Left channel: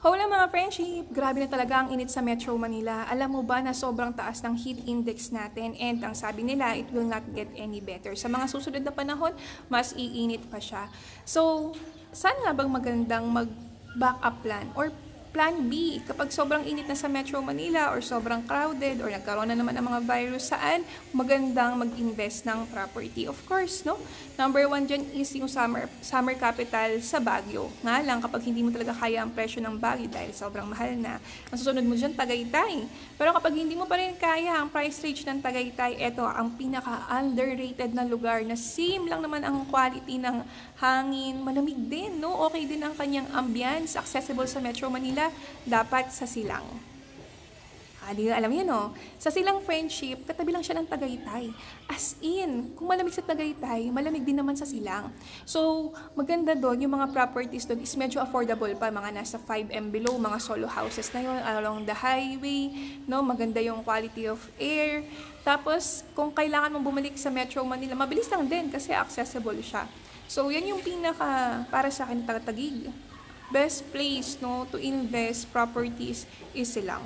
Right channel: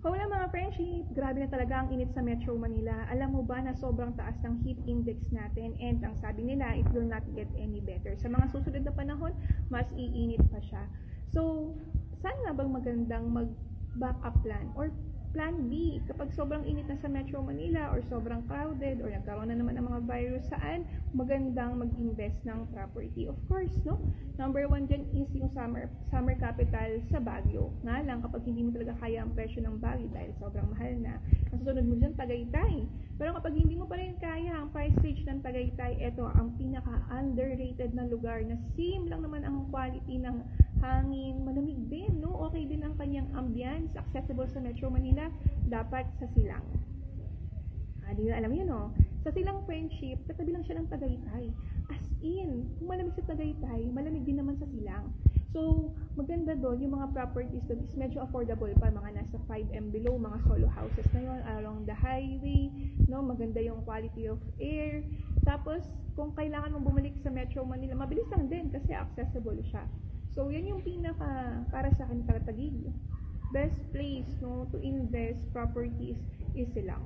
Hola mga friendship! Grabe na talaga ang init sa Metro Manila. Alam mo ba na sobrang taas ng heat index natin and ang sabi nila, it will not get any better. Sa mga susunod na panahon, mas iinit pa siya. So, saan nga bang magandang mag-backup plan or plan B kapag sobrang init na sa Metro Manila or sobrang crowded or nagkaroon na naman ng mga virus, saan magandang mag-invest ng property? Of course, no? Number one dyan is yung summer capital sa Baguio. Nga lang, kapag hindi mo talaga kaya ang presyo ng Baguio dahil sobrang mahal na, ang susunod mo dyan, Tagaytay. Pero kapag hindi mo pa rin kaya ang price range ng Tagaytay, eto ang pinaka-underrated na lugar na same lang naman ang quality ng hangin, malamig din, no? Okay din ang kanyang ambience, accessible sa Metro Manila, dapat sa Silang. Di alam yan, no? Sa Silang Friendship, katabi lang siya ng Tagaytay. As in, kung malamig sa Tagaytay, malamig din naman sa Silang. So, maganda doon, yung mga properties doon is medyo affordable pa, mga nasa 5M below, mga solo houses na yun, along the highway, no? Maganda yung quality of air. Tapos, kung kailangan mong bumalik sa Metro Manila, mabilis lang din kasi accessible siya. So, yan yung pinaka, para sa akin, Taguig. Best place, no, to invest properties is Silang.